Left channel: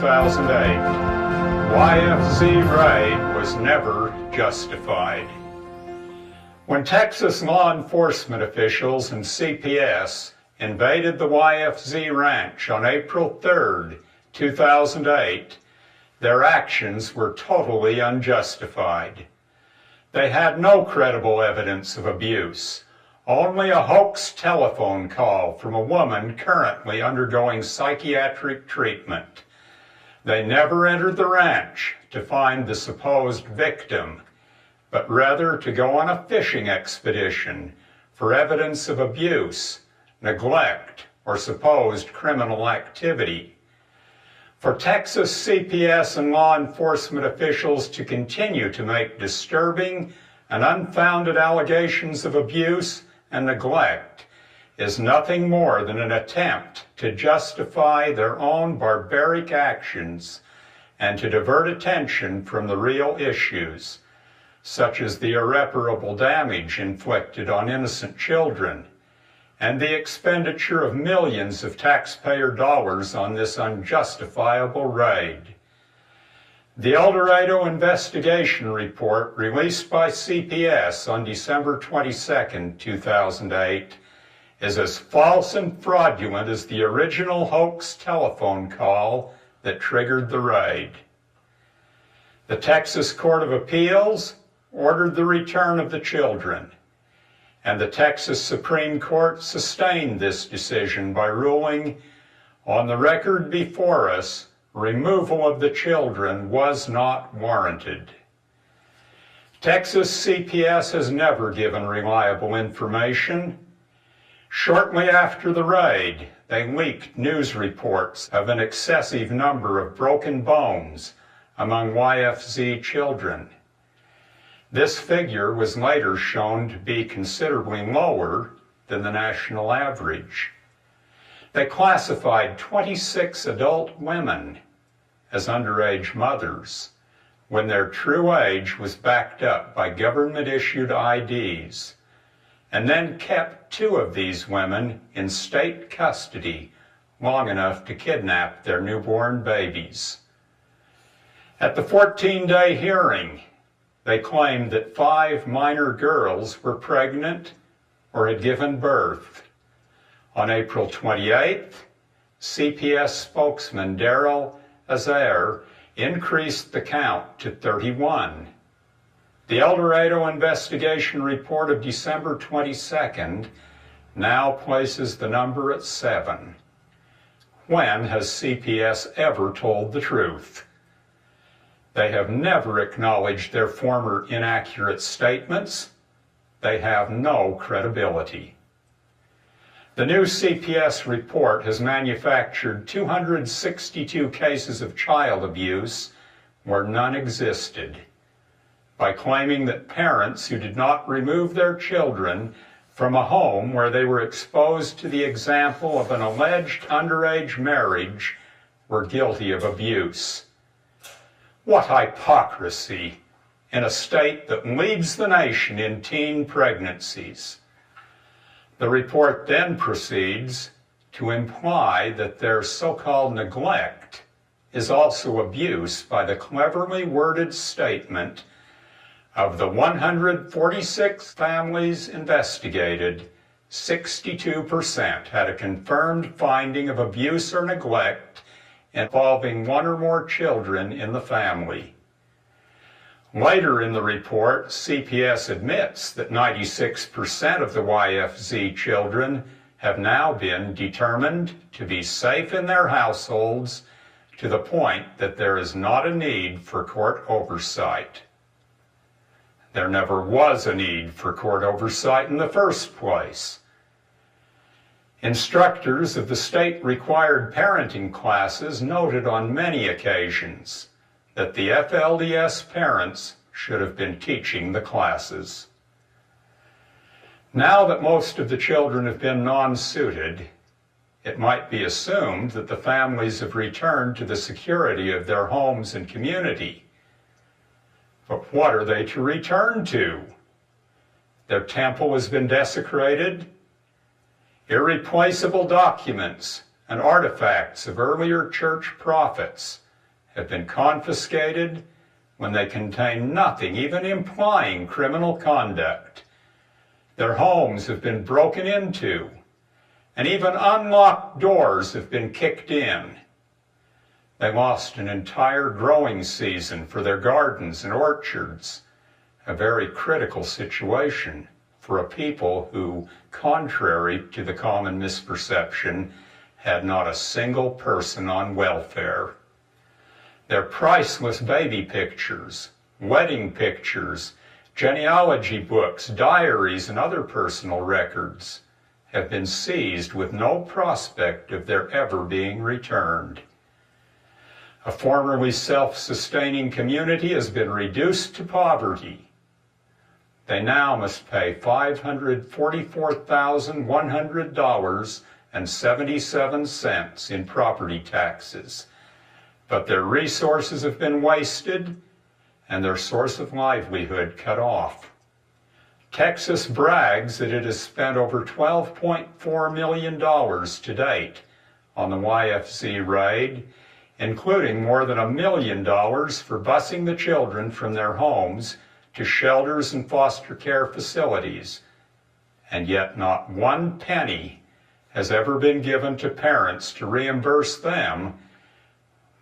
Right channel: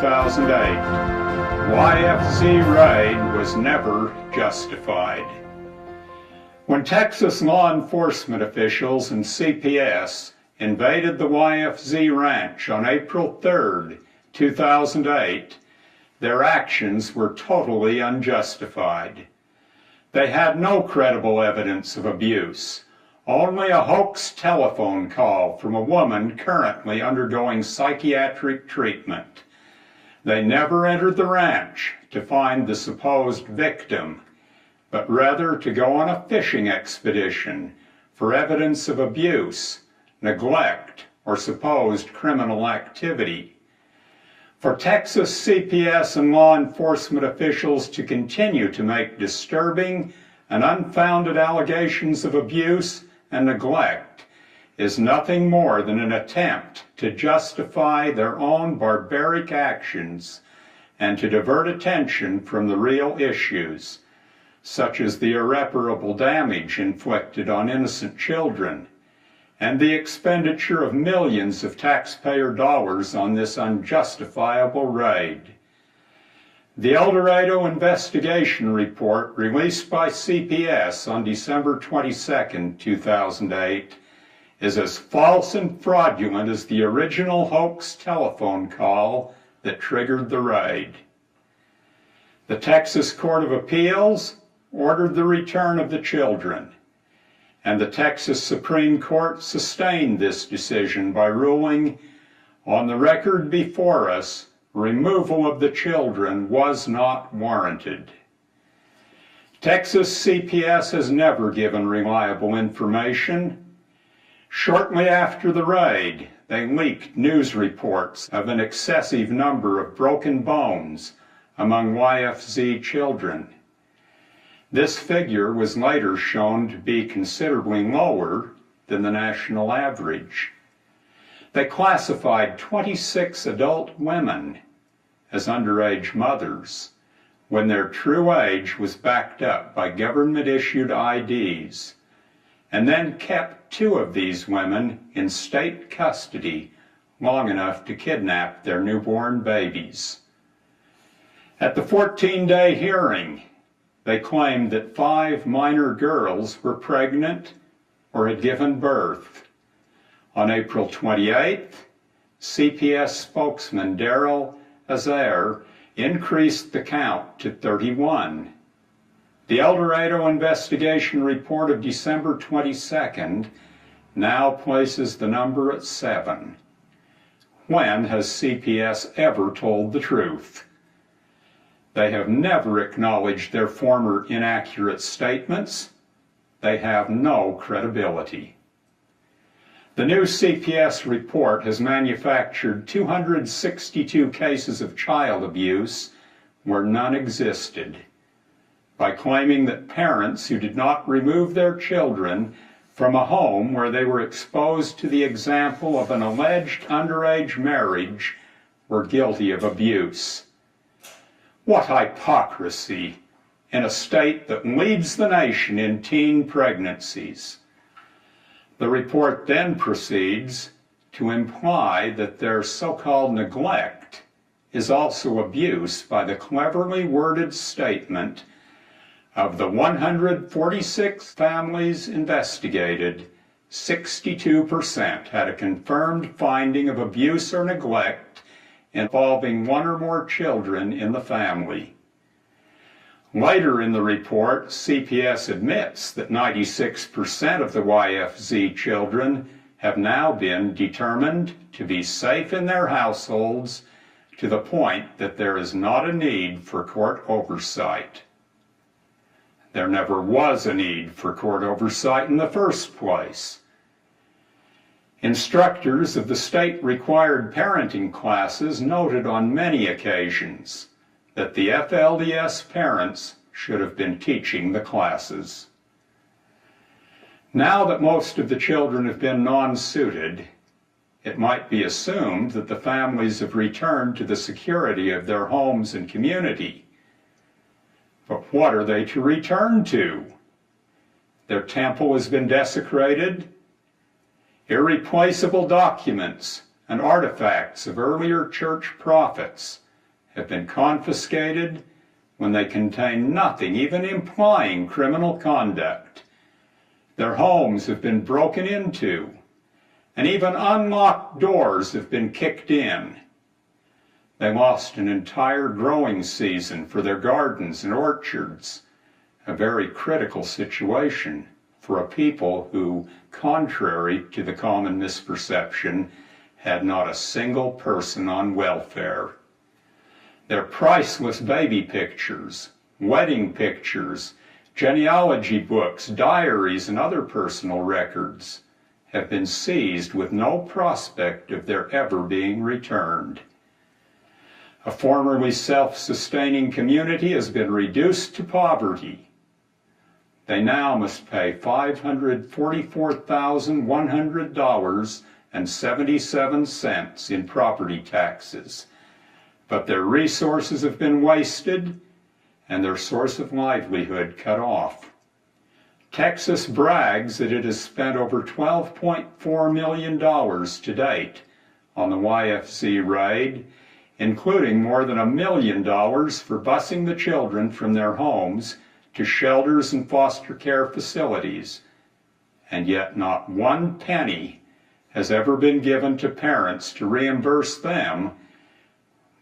2008. YFZ raid was never justified. When Texas law enforcement officials and CPS invaded the YFZ ranch on April 3, 2008, their actions were totally unjustified. They had no credible evidence of abuse, only a hoax telephone call from a woman currently undergoing psychiatric treatment. They never entered the ranch to find the supposed victim, but rather to go on a fishing expedition for evidence of abuse, neglect, or supposed criminal activity. For Texas CPS and law enforcement officials to continue to make disturbing and unfounded allegations of abuse and neglect is nothing more than an attempt to justify their own barbaric actions and to divert attention from the real issues, such as the irreparable damage inflicted on innocent children and the expenditure of millions of taxpayer dollars on this unjustifiable raid. The Eldorado investigation report released by CPS on December 22, 2008 is as false and fraudulent as the original hoax telephone call that triggered the raid. The Texas Court of Appeals ordered the return of the children, and the Texas Supreme Court sustained this decision by ruling, on the record before us, removal of the children was not warranted. Texas CPS has never given reliable information. Shortly after the raid, they leaked news reports of an excessive number of broken bones among YFZ children. This figure was later shown to be considerably lower than the national average. They classified 26 adult women as underage mothers when their true age was backed up by government-issued IDs, and then kept 2 of these women in state custody long enough to kidnap their newborn babies. At the 14-day hearing, they claimed that 5 minor girls were pregnant or had given birth. On April 28th, CPS spokesman Daryl Azair increased the count to 31. The Eldorado investigation report of December 22nd now places the number at 7. When has CPS ever told the truth? They have never acknowledged their former inaccurate statements. They have no credibility. The new CPS report has manufactured 262 cases of child abuse where none existed, by claiming that parents who did not remove their children from a home where they were exposed to the example of an alleged underage marriage were guilty of abuse. What hypocrisy in a state that leads the nation in teen pregnancies. The report then proceeds to imply that their so-called neglect is also abuse by the cleverly worded statement of the 146 families investigated, 62% had a confirmed finding of abuse or neglect involving 1 or more children in the family. Later in the report, CPS admits that 96% of the YFZ children have now been determined to be safe in their households to the point that there is not a need for court oversight. There never was a need for court oversight in the first place. Instructors of the state-required parenting classes noted on many occasions that the FLDS parents should have been teaching the classes. Now that most of the children have been non-suited, it might be assumed that the families have returned to the security of their homes and community. But what are they to return to? Their temple has been desecrated. Irreplaceable documents and artifacts of earlier church prophets have been confiscated when they contain nothing even implying criminal conduct. Their homes have been broken into, and even unlocked doors have been kicked in. They lost an entire growing season for their gardens and orchards, a very critical situation for a people who, contrary to the common misperception, had not a single person on welfare. Their priceless baby pictures, wedding pictures, genealogy books, diaries, and other personal records have been seized with no prospect of their ever being returned. A formerly self-sustaining community has been reduced to poverty. They now must pay $544,100.77 in property taxes. But their resources have been wasted and their source of livelihood cut off. Texas brags that it has spent over $12.4 million to date on the YFZ raid, including more than $1 million for busing the children from their homes to shelters and foster care facilities, and yet not one penny has ever been given to parents to reimburse them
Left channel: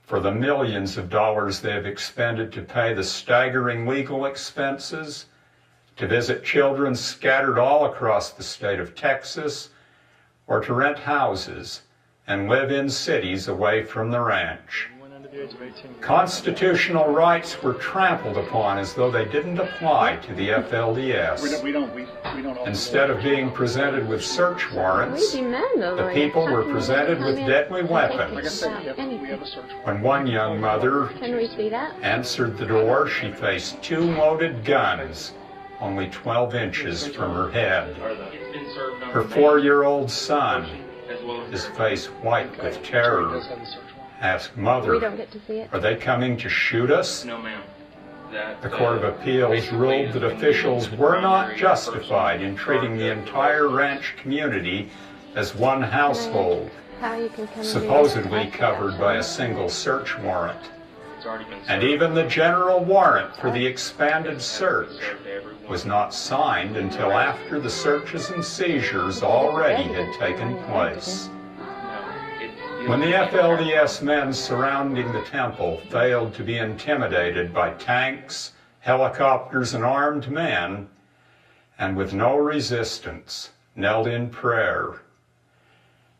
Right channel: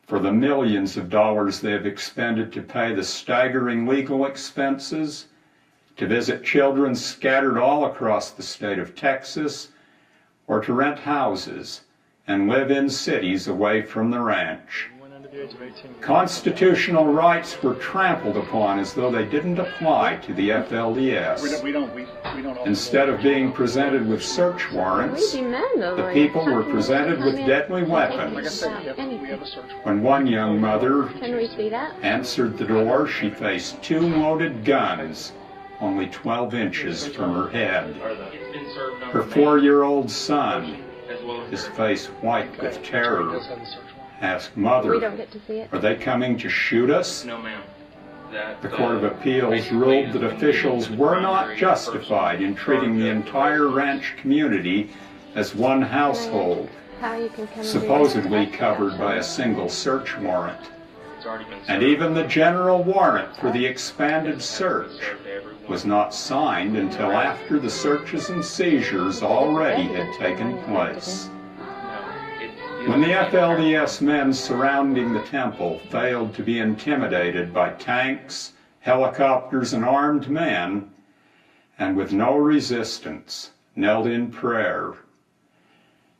for the millions of dollars they have expended to pay the staggering legal expenses, to visit children scattered all across the state of Texas, or to rent houses and live in cities away from the ranch. Constitutional rights were trampled upon as though they didn't apply to the FLDS. Instead of being presented with search warrants, the people were presented with deadly weapons. When one young mother answered the door, she faced 2 loaded guns, only 12 inches from her head. Her 4-year-old son, his face white with terror, asked, "Mother, are they coming to shoot us?" No, ma'am. The Court of Appeals ruled that officials were not justified in treating the entire ranch community as one household, supposedly covered by a single search warrant. And even the general warrant for the expanded search was not signed until after the searches and seizures already had taken place. When the FLDS men surrounding the temple failed to be intimidated by tanks, helicopters, and armed men, and with no resistance, knelt in prayer,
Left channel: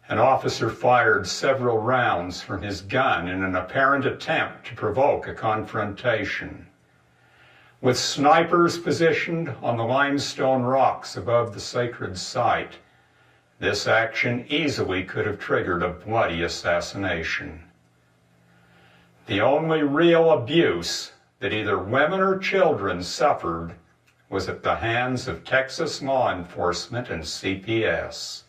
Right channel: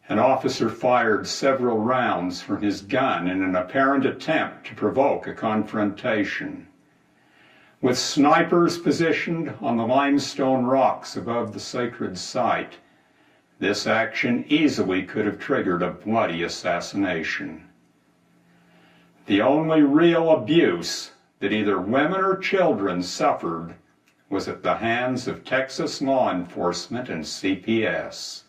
an officer fired several rounds from his gun in an apparent attempt to provoke a confrontation. With snipers positioned on the limestone rocks above the sacred site, this action easily could have triggered a bloody assassination. The only real abuse that either women or children suffered was at the hands of Texas law enforcement and CPS.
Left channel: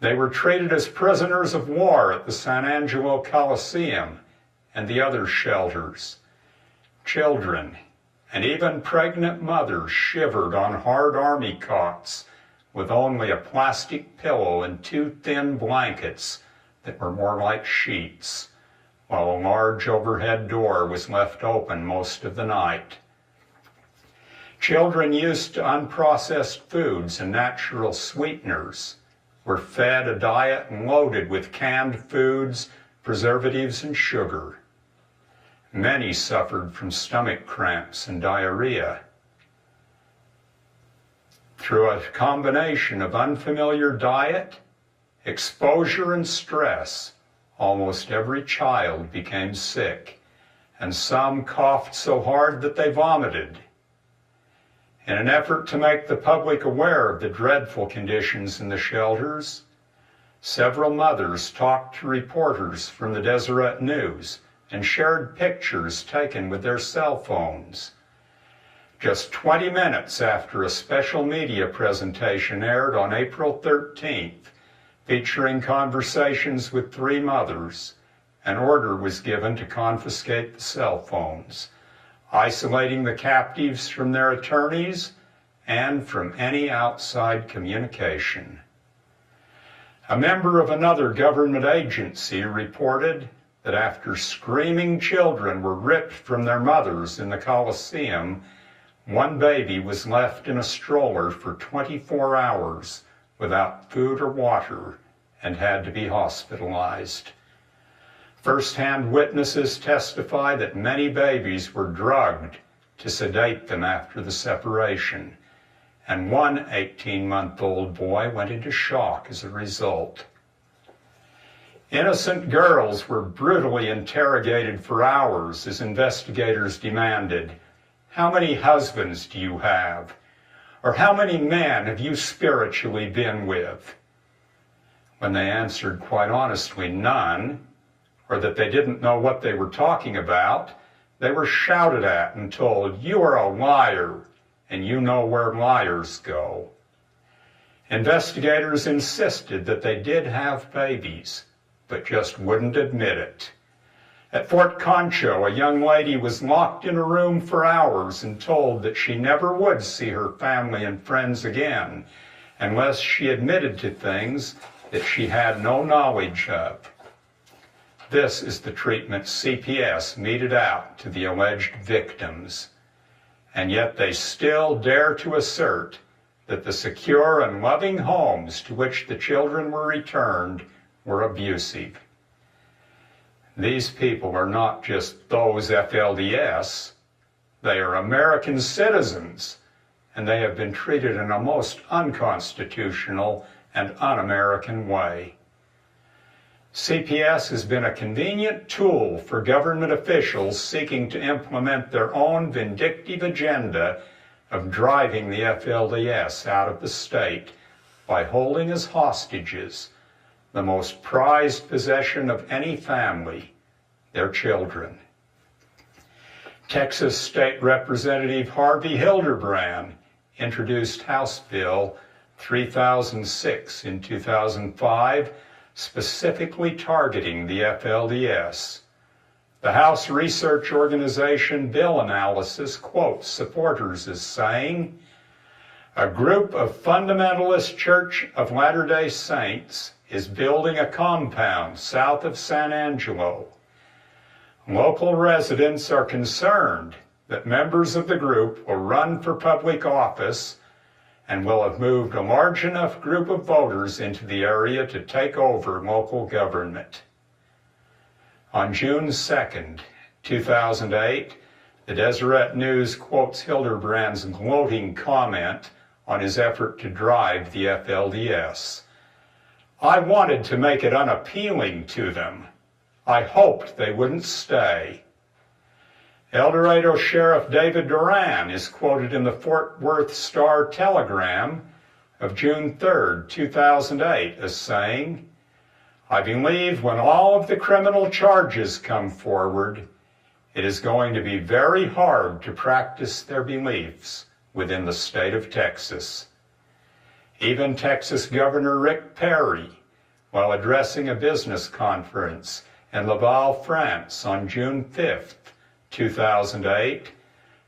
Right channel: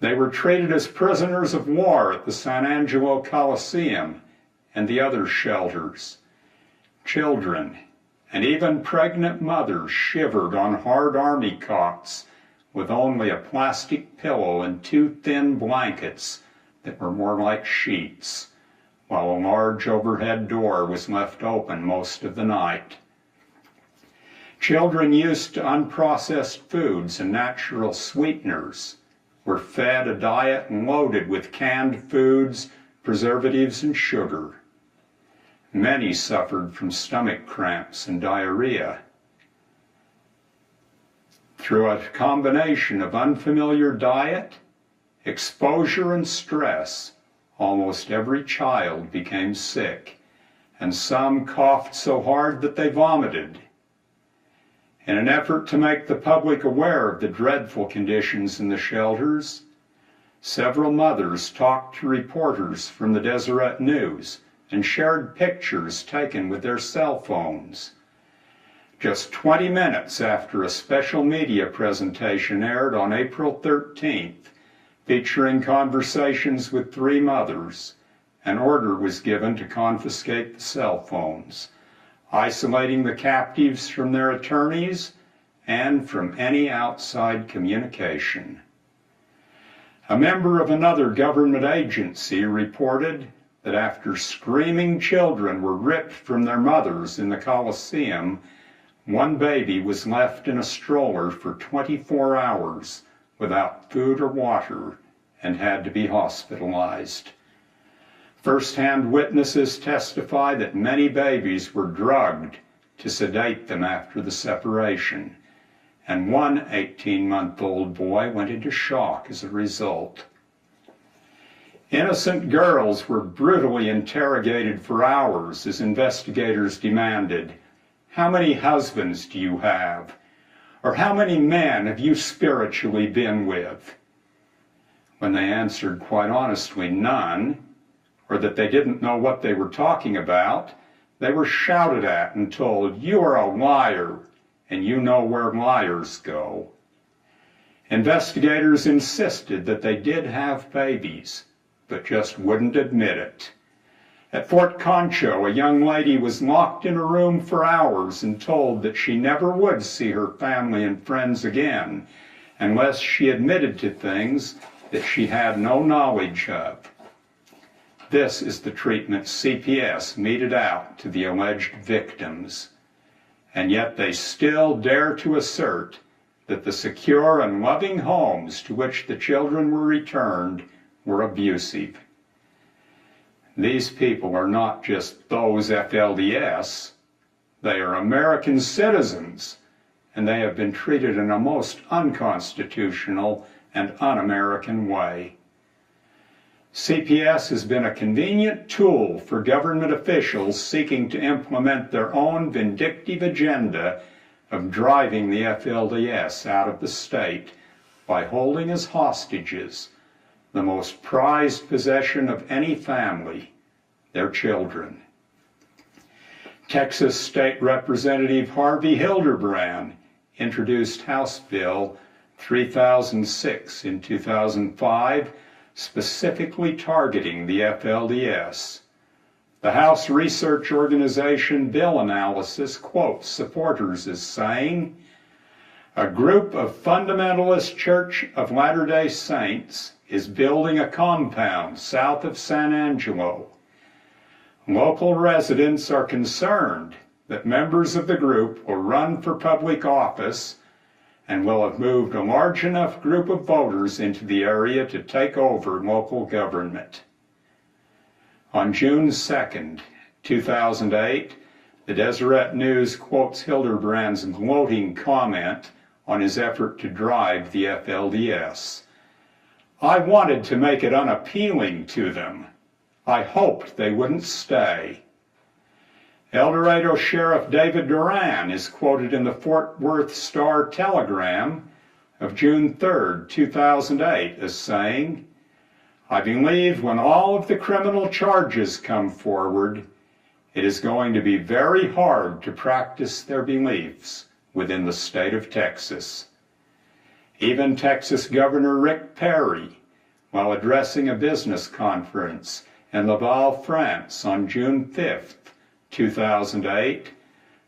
They were treated as prisoners of war at the San Angelo Coliseum and the other shelters. Children and even pregnant mothers shivered on hard army cots with only a plastic pillow and 2 thin blankets that were more like sheets, while a large overhead door was left open most of the night. Children used to unprocessed foods and natural sweeteners were fed a diet loaded with canned foods, preservatives, and sugar. Many suffered from stomach cramps and diarrhea. Through a combination of unfamiliar diet, exposure, and stress, almost every child became sick, and some coughed so hard that they vomited. In an effort to make the public aware of the dreadful conditions in the shelters, several mothers talked to reporters from the Deseret News and shared pictures taken with their cell phones. Just 20 minutes after a special media presentation aired on April 13th, featuring conversations with 3 mothers, an order was given to confiscate the cell phones, isolating the captives from their attorneys and from any outside communication. A member of another government agency reported that after screaming children were ripped from their mothers in the Colosseum, one baby was left in a stroller for 24 hours without food or water and had to be hospitalized. First-hand witnesses testify that many babies were drugged to sedate them after the separation, and one 18-month-old boy went into shock as a result. Innocent girls were brutally interrogated for hours as investigators demanded, "How many husbands do you have?" Or "How many men have you spiritually been with?" When they answered quite honestly none, or that they didn't know what they were talking about, they were shouted at and told, "You are a liar, and you know where liars go." Investigators insisted that they did have babies, but just wouldn't admit it. At Fort Concho, a young lady was locked in a room for hours and told that she never would see her family and friends again unless she admitted to things that she had no knowledge of. This is the treatment CPS meted out to the alleged victims, and yet they still dare to assert that the secure and loving homes to which the children were returned were abusive. These people are not just those FLDS, they are American citizens, and they have been treated in a most unconstitutional and un-American way. CPS has been a convenient tool for government officials seeking to implement their own vindictive agenda of driving the FLDS out of the state by holding as hostages the most prized possession of any family, their children. Texas State Representative Harvey Hildebrand introduced House Bill 3006 in 2005, specifically targeting the FLDS. The House research organization Bill Analysis quotes supporters as saying, "A group of fundamentalist Church of Latter-day Saints is building a compound south of San Angelo. Local residents are concerned that members of the group will run for public office and will have moved a large enough group of voters into the area to take over local government." On June 2nd, 2008, the Deseret News quotes Hildebrand's gloating comment on his effort to drive the FLDS. "I wanted to make it unappealing to them. I hoped they wouldn't stay." Eldorado Sheriff David Duran is quoted in the Fort Worth Star-Telegram of June 3rd, 2008 as saying, "I believe when all of the criminal charges come forward, it is going to be very hard to practice their beliefs within the state of Texas." Even Texas Governor Rick Perry, while addressing a business conference in Laval, France on June 5th, 2008,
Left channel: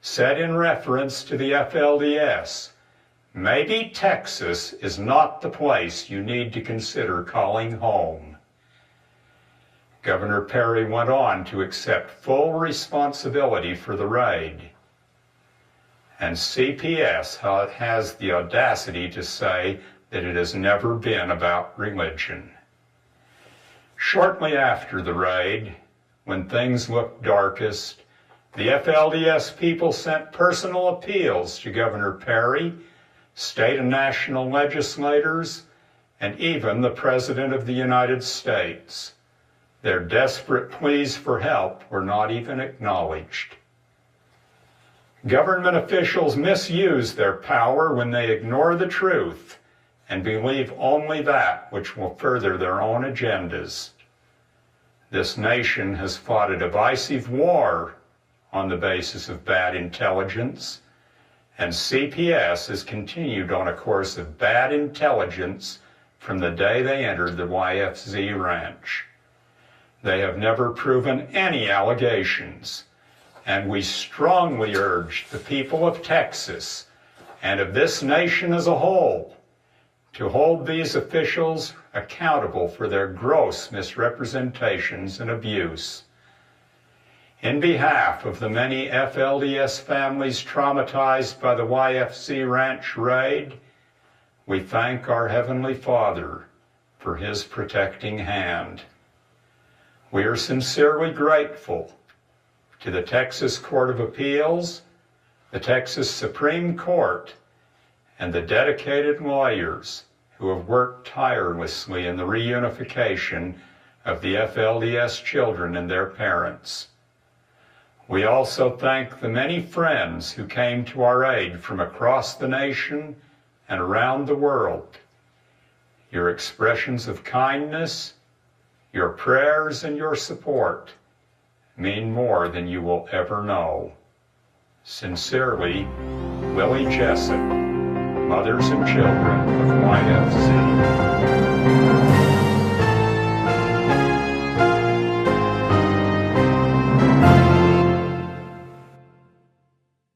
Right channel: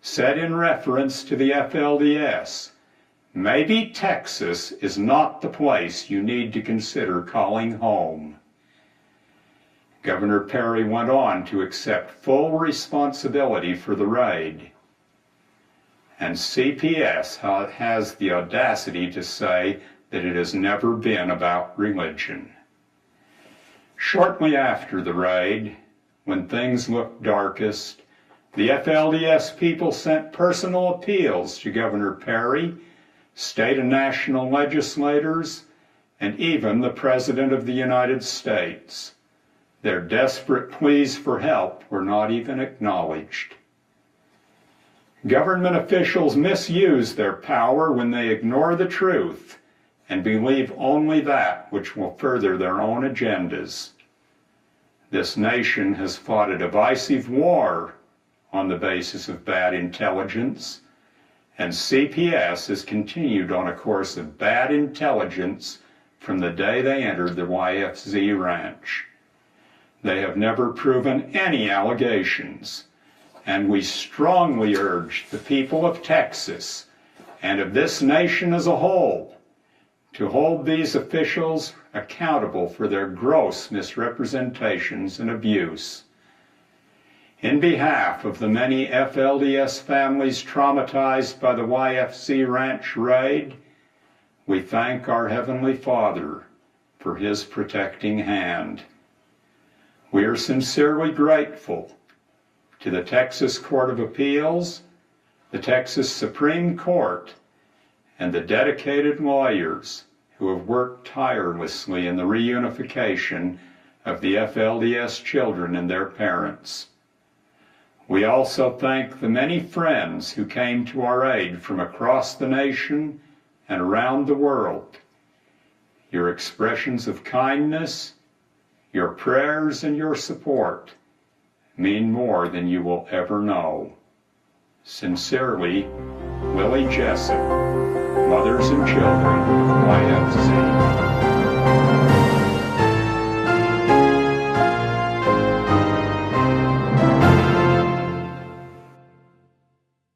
said in reference to the FLDS, "Maybe Texas is not the place you need to consider calling home." Governor Perry went on to accept full responsibility for the raid. And CPS has the audacity to say that it has never been about religion. Shortly after the raid, when things looked darkest, the FLDS people sent personal appeals to Governor Perry, state and national legislators, and even the President of the United States. Their desperate pleas for help were not even acknowledged. Government officials misuse their power when they ignore the truth and believe only that which will further their own agendas. This nation has fought a divisive war on the basis of bad intelligence, and CPS has continued on a course of bad intelligence from the day they entered the YFZ ranch. They have never proven any allegations, and we strongly urge the people of Texas and of this nation as a whole to hold these officials accountable for their gross misrepresentations and abuse. In behalf of the many FLDS families traumatized by the YFZ ranch raid, we thank our Heavenly Father for His protecting hand. We are sincerely grateful to the Texas Court of Appeals, the Texas Supreme Court, and the dedicated lawyers who have worked tirelessly in the reunification of the FLDS children and their parents. We also thank the many friends who came to our aid from across the nation and around the world. Your expressions of kindness, your prayers, and your support mean more than you will ever know. Sincerely, Willie Jessup, Mothers and Children of YFZ.